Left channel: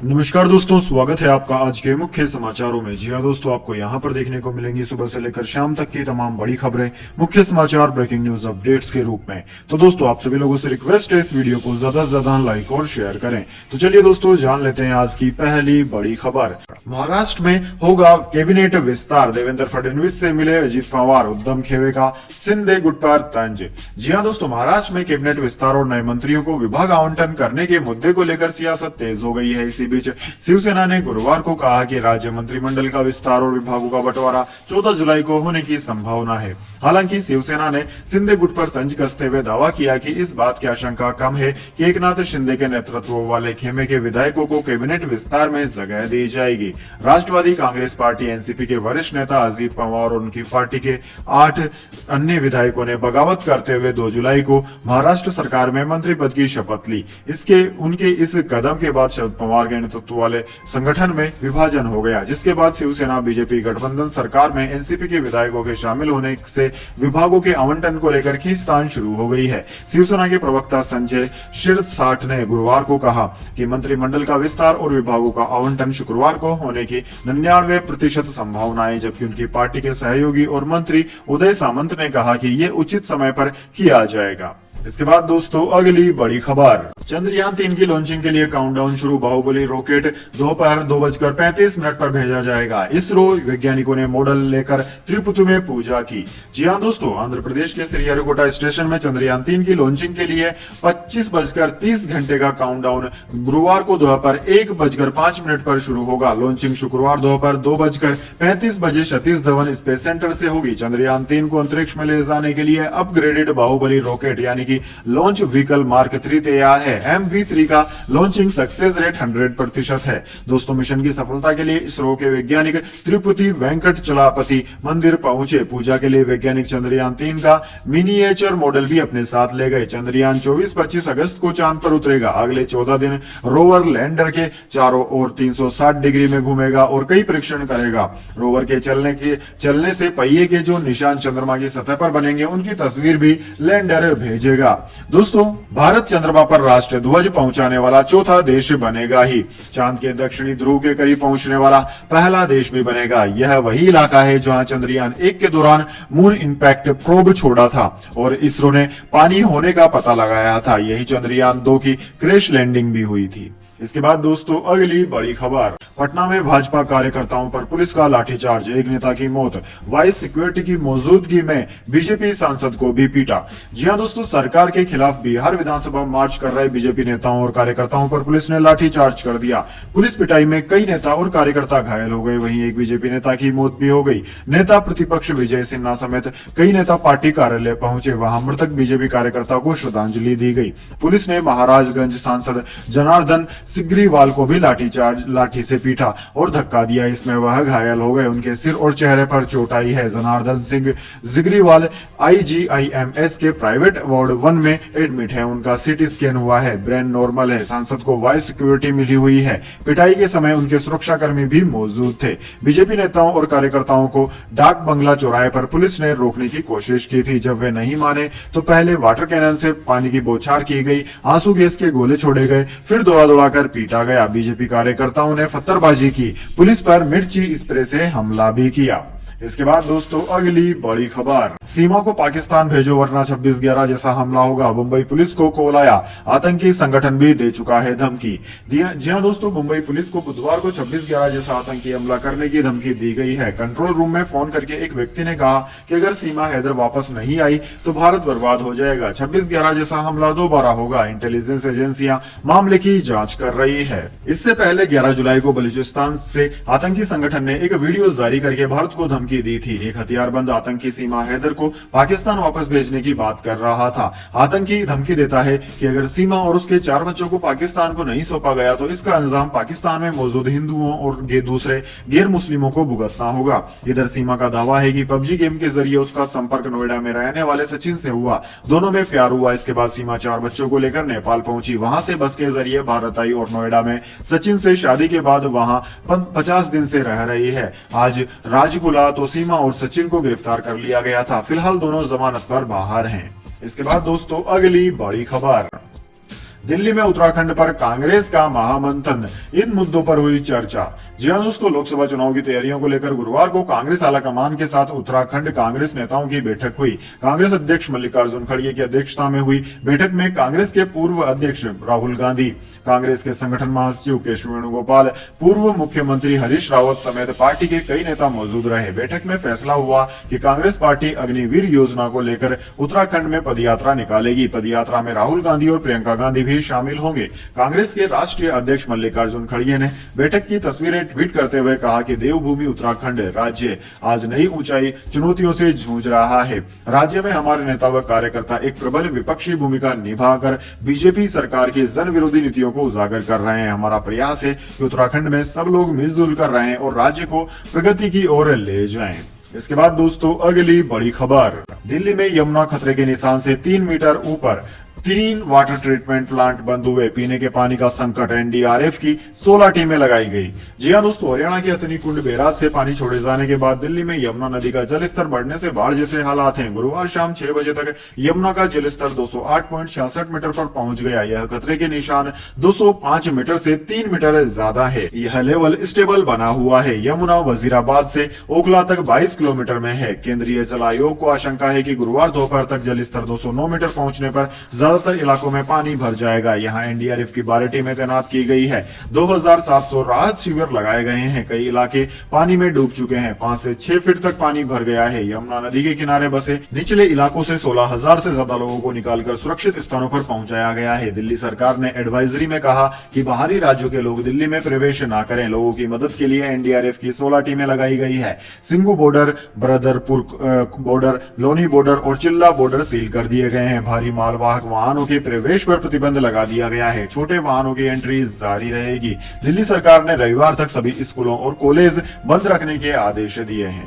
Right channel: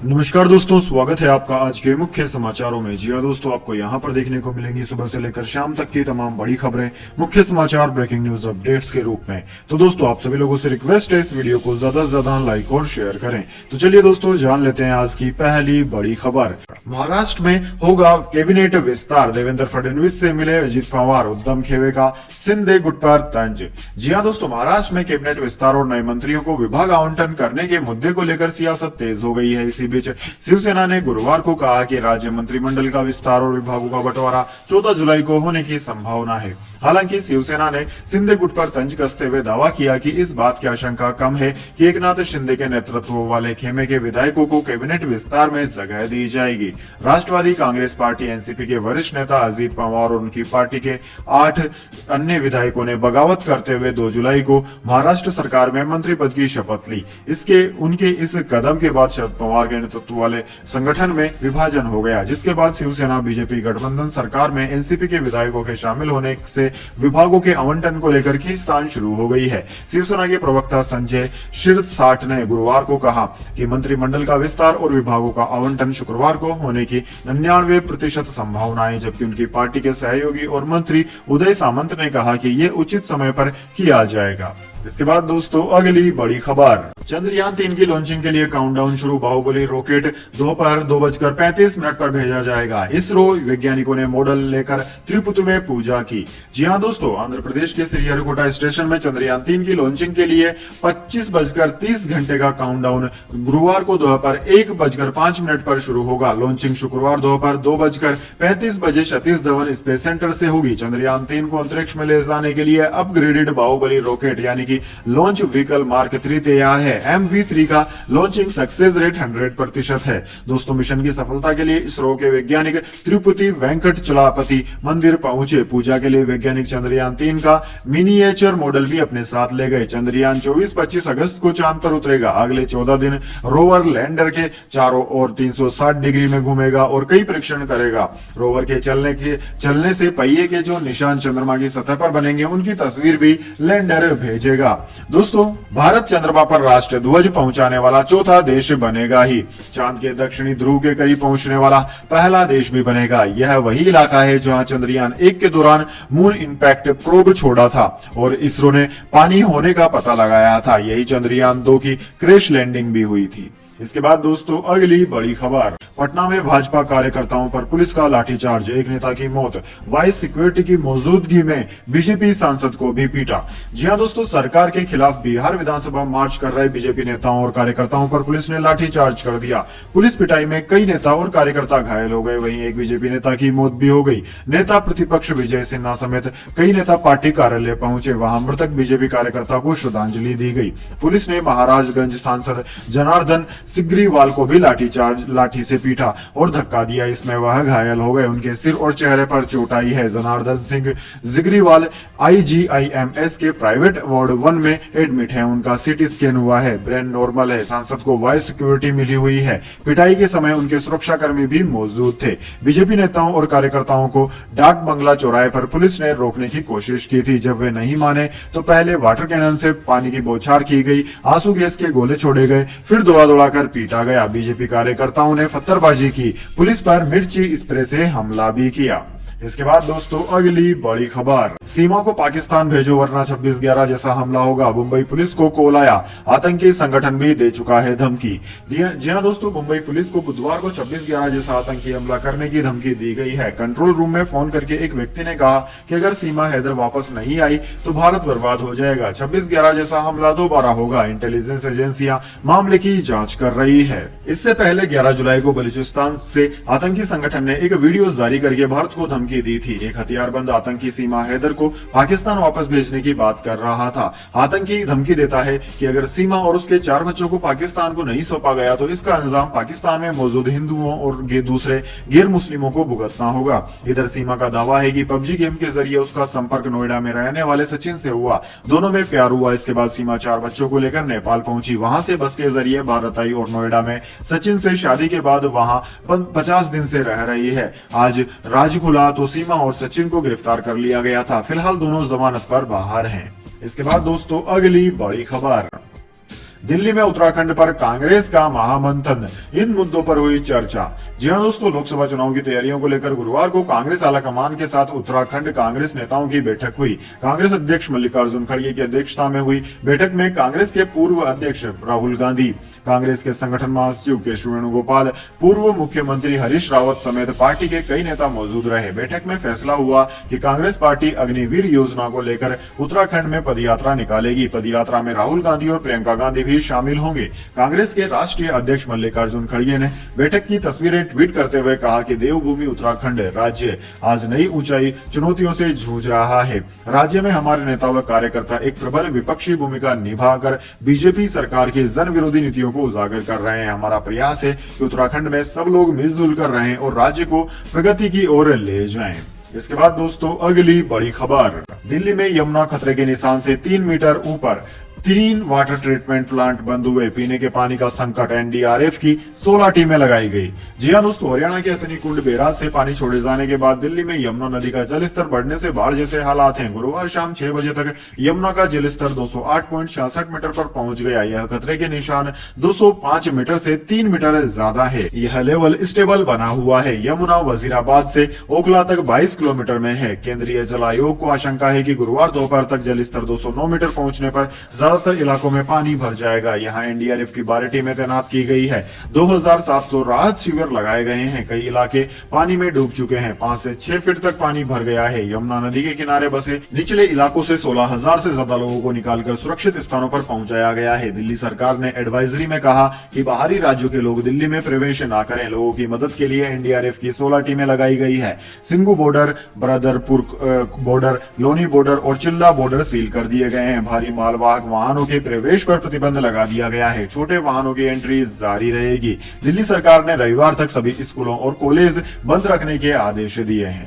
नमस्कार दोस्तों, स्वागत है आपका आज के मुख्य समाचारों में। जी हाँ दोस्तों, आपको यहाँ पर देखने को मिलेंगी सुबह से लेकर शाम तक की तमाम बड़ी खबरें, मुख्य समाचार, ब्रेकिंग न्यूज अपडेट्स के रूप में। तो दोस्तों, आप सभी लोगों से रिक्वेस्ट है इस वीडियो को ज्यादा से ज्यादा लाइक और शेयर करें। तो चलिए दोस्तों, जान लेते हैं आज की पहली बड़ी खबर। महाराष्ट्र में होगा कैबिनेट विस्तार, देवेंद्र फडणवीस से मिले अजित पवार, उद्धव खेवे का शिंदे गुट पर तंज। जी हाँ दोस्तों, महाराष्ट्र में कैबिनेट विस्तार और नए मंत्रियों को विभाग आवंटन करने के मुद्दे को लेकर सियासत तेज हो गई है। इसी बीच शिवसेना ने गुरुवार को कहा कि राज्य मंत्रिमंडल का विस्तार और विभागों का बंटवारा 14 जुलाई को होने की संभावना है। हालांकि शिवसेना ने शिंदे गुट पर तंज कसते हुए दावा किया कि इस बात की आशंका कम है कि एकनाथ शिंदे के नेतृत्व वाले खेमे के विधायकों को कैबिनेट विस्तार में जगह दी जाएगी। राष्ट्रवादी कांग्रेस पार्टी एनसीपी के वरिष्ठ नेता अजित पवार और उनकी पार्टी के 8 अन्य विधायकों ने बगावत करते हुए 2 जुलाई को महाराष्ट्र सरकार में मंत्री पद की शपथ ली। उनके इस कदम के बाद शरद पवार के नेतृत्व वाले संगठन में विभाजन हो गया, जिसके बाद शिवसेना बीजेपी गठबंधन सरकार में एनसीपी के विधायकों के शामिल होने से विभागों के आवंटन को लेकर खींचतान शुरू हो गई है। शिवसेना के प्रवक्ता संजय शिरसाट ने गुरुवार को कहा कि मंत्रिमंडल का विस्तार और विभागों का आवंटन शुक्रवार को होने की 99% संभावना है, जबकि उनकी पार्टी के सहयोगी और मंत्री उदय सामंत ने कहा कि यह उचित समय पर किया जाएगा। इसके बाद दोस्तों, अगली बड़ी खबर। चंद्रयान 3 की लॉन्चिंग के लिए काउंटडाउन शुरू। बाहुबली रॉकेट दोपहर 2:35 पर भेजा जाएगा। इसरो वैज्ञानिकों ने मॉडल लेकर त्रिपुति में पूजा की। जी हां दोस्तों, आंध्र प्रदेश के श्रीहरिकोटा स्टेशन में चंद्रयान 3 की लॉन्चिंग के लिए 25:30 का काउंटडाउन गुरुवार को दोपहर 1:05 पर शुरू होगा। लॉन्चिंग शुक्रवार दोपहर 2:35 बजे सतीश धवन स्पेस सेंटर से होगी। चंद्रयान 3 को अंतरिक्ष में ले जाने के लिए अपग्रेडेड बाहुबली रॉकेट यानी कि लॉन्च व्हीकल मार्क 3 तैयार है। MV3 का लॉन्चिंग सक्सेस रेट 100% है। दोस्तों, मिशन की सफलता के लिए इसरो के वैज्ञानिक तिरुपति वेंकटचलापति मंदिर पहुंचे। पूजा के लिए वैज्ञानिक चंद्रयान 3 का मिनिएचर मॉडल भी अपने साथ ले गए। चंद्रयान 24-25 अगस्त को चांद पर उतरेगा। अगले 14 दिन रोवर लैंडर के चारों ओर 360 डिग्री में घूमेगा और कई परीक्षण करेगा। रोवर के चलने से पहिए के जो निशान चंद्रमा की सतह पर बनेंगे, उनकी तस्वीर भी लैंडर भेजेगा। दोस्तों, भारत चंद्रमा पर राष्ट्रीय ध्वज पहुंचाने वाला चौथा देश बनेगा ही। चांद के दक्षिणी ध्रुव के करीब पहुंचने वाला पहला देश भी बनेगा। यह वही इलाका है जहां चंद्रयान 1 के दौरान मून इंपैक्ट प्रोब छोड़ा था और इसरो ने पानी होने का पता लगाया था। यही चंद्रयान 2 की क्रैश लैंडिंग भी हुई थी। इसके बाद दोस्तों, अगली बड़ी खबर। पटना में भाजपा कार्यकर्ताओं पर पुलिस का लाठीचार्ज, एक नेता की मौत, वाइस सिक्योरिटी की मौजूदगी में बीजेपी सांसद को भी पीटा। जी हां दोस्तों, सरकार के खिलाफ बिहार विधानसभा मार्च कर रहे बीजेपी नेताओं और कार्यकर्ताओं पर पुलिस ने लाठीचार्ज कर दिया। पुलिस पिटाई में कई नेता और कार्यकर्ता घायल हो गए। वहीं एक बीजेपी नेता की मौत भी हो गई। नेता प्रतिपक्ष विजय सिन्हा समेत कई नेता पार्टी कार्यालय पहुंचे। वहां मृतक बीजेपी कार्यकर्ता को श्रद्धांजलि दी गई। पुलिस ने महाराजगंज सांसद जनार्दन सिग्रीवाल को भी लाठी से पीटा और धक्का दिया। इसमें वह घायल हो गए। उनके सिर और चेहरे पर चोट आई है। जनार्दन सिंह सिग्रीवाल IGIMS के प्राइवेट वार्ड 1 में एडमिट है। उनका CT स्कैन हुआ है, ब्रेन नॉर्मल है। सांसद को वाइस सिक्योरिटी मिली हुई है। पिटाई के समय उनके सुरक्षाकर्मी भी मौजूद थे। बीजेपी नेताओं और कार्यकर्ताओं को डाक बंगला चौराहे पर पुलिस ने रोकने की कोशिश की थी। जब वे नहीं माने तो पहले वाटर कैनन से पानी की बौछार की गई, आंसू गैस के गोले छोड़े गए, फिर दौड़ा कर पीटा गया। बीजेपी कार्यकर्ताओं ने पत्थरबाजी की, पुलिस पर मिर्ची स्प्रे से हमला भी किया। इसके बाद दोस्तों, अगली बड़ी खबर। सीमा को पाकिस्तान भेजो वरना 26/11 जैसा हमला होगा। मुंबई पुलिस को कॉल आया, आतंकी संगठन भी दे चुका है धमकी। जी हां दोस्तों, मुंबई पुलिस को बुधवार को 26/11 जैसा आतंकी हमला करने की धमकी दी गई है। कंट्रोल रूम में फोन करके एक व्यक्ति ने कहा कि अगर सीमा हैदर वापस नहीं आई तो भारत बर्बाद हो जाएगा। 26/11 जैसा हमला दोबारा होगा। इंटेलिजेंस एजेंसियां मामले की जांच कर रही है। इससे पहले 11 जुलाई को बलूचिस्तान से आतंकी संगठन ने एक वीडियो जारी करके भारत को धमकी दी थी। एक हथियारबंद आतंकी सीमा हैदर को पाकिस्तान वापस भेजने की बात कर रहा था। आतंकी धमकी देता है कि अगर सीमा और उसके 4 बच्चों को पाकिस्तान को नहीं सौंपा गया तो इसका इंतजाम पाकिस्तान में मौजूद हिंदुओं और दूसरे गैर मुस्लिमों को भुगतना होगा। इधर सीमा का दावा है कि PUBG गेम के जरिए उसका संपर्क नोएडा में रहने वाले सचिन से हुआ। दोनों में प्यार हुआ। इसके बाद सीमा 4 बच्चों को लेकर नेपाल पहुंची। वहां से बस के जरिए भारत आई और नोएडा में सचिन से शादी के बाद वहां 50 दिन से रह रही है। आज राज खुला तो सीमा और सचिन को गिरफ्तार कर लिया गया था। फिलहाल दोनों जमानत पर बाहर हैं। इसके बाद दोस्तों, अगली बड़ी खबर। दिल्ली में उत्तराखंड पर कांग्रेस का महामंथन, इन मुद्दों पर हुई चर्चा। जी हां दोस्तों, लोकसभा चुनाव की तैयारियों को लेकर गुरुवार को कांग्रेस आलाकमान के साथ उत्तराखंड कांग्रेस नेताओं की बैठक हुई। कांग्रेस अध्यक्ष मल्लिकार्जुन खड़गे की अध्यक्षता में हुई बैठक में कांग्रेस के पूर्व अध्यक्ष राहुल गांधी, कांग्रेस के संगठन महासचिव केशव वेणुगोपाल, पूर्व मुख्यमंत्री हरीश रावत समेत पार्टी के कई नेता मौजूद रहे। बैठक में फैसला हुआ कि कांग्रेस पार्टी अग्निवीर योजना को लेकर उत्तराखंड में पदयात्रा निकालेगी। पदयात्रा में राहुल गांधी और प्रियंका गांधी भी शामिल होंगे। कांग्रेस के राष्ट्रीय अध्यक्ष मल्लिकार्जुन खड़गे ने बैठक की तस्वीरें ट्वीट करते हुए कहा कि देवभूमि उत्तराखंड राज्य आज नई ऊंचाई चुनौतियों से जूझ रहा है। राज्य में हमारे नेता व कार्यकर्ता एक प्रबल विपक्षी भूमिका निभाकर बीजेपी सरकार की जन विरोधी नीतियों को उजागर कर रहे हैं। हमारा प्रयास है कि उत्तराखंड में सब लोग मिलजुल कर रहें और राज्य को प्रगति की ओर ले जाएं। इसके बाद दोस्तों अगली बड़ी खबर, दिल्ली में यमुना खतरे के निशान से 3 मीटर ऊपर, 3 वाटर ट्रीटमेंट प्लांट बंद हुए। पीने के पानी का संकट, एनडीआरएफ की 16 टीमें लगाई गई। जी हां दोस्तों, हरियाणा के हथनीकुंड बैराज से पानी छोड़े जाने के बाद दिल्ली में यमुना नदी का जलस्तर बढ़ने से बाढ़ जैसे हालात हैं। गुरुवार शाम 6 बजे तक यमुना का जलस्तर 208.66 मीटर पर पहुंच गया। यह खतरे के निशान 205 मीटर से 3 मीटर ज्यादा है। यह लेवल स्टेबल बना हुआ है। यमुना वजीराबाद से ओखला तक 22 किलोमीटर में है। केंद्रीय जल आयोग को आशंका है कि गुरुवार दोपहर तक जलस्तर 209 मीटर पहुंचने पर ज्यादातर इलाकों में पानी भर जाएगा। यहाँ एनडीआरएफ की 12 टीमें तैनात की गई है। 2700 राहत शिविर लगाए गए हैं। कई इलाके पानी में डूब चुके हैं। 5 से 6 फीट तक पानी भर गया है। यमुना नदी के किनारे बसे निचले इलाकों से 16,000 से ज्यादा लोगों को निकालकर सुरक्षित स्थानों पर पहुंचाया गया है। दिल्ली सरकार ने एडवाइजरी में कहा कि बाहरी राज्यों के लोग दिल्ली में प्रवेश न करें। लोगों की मदद के लिए एनडीआरएफ की 16 टीमें लगाई गई है। Singhu border, Badarpur border, Loni border और चिल्ला बॉर्डर सील कर दिए गए हैं। भारी मालवाहक वाहनों के प्रवेश पर प्रतिबंध लगा दिया गया है। छोटे वाहनों की एंट्री जारी रहेगी। दिल्ली सरकार ने रविवार तक सभी स्कूलों और कॉलेज बंद रखने के आदेश दिए हैं।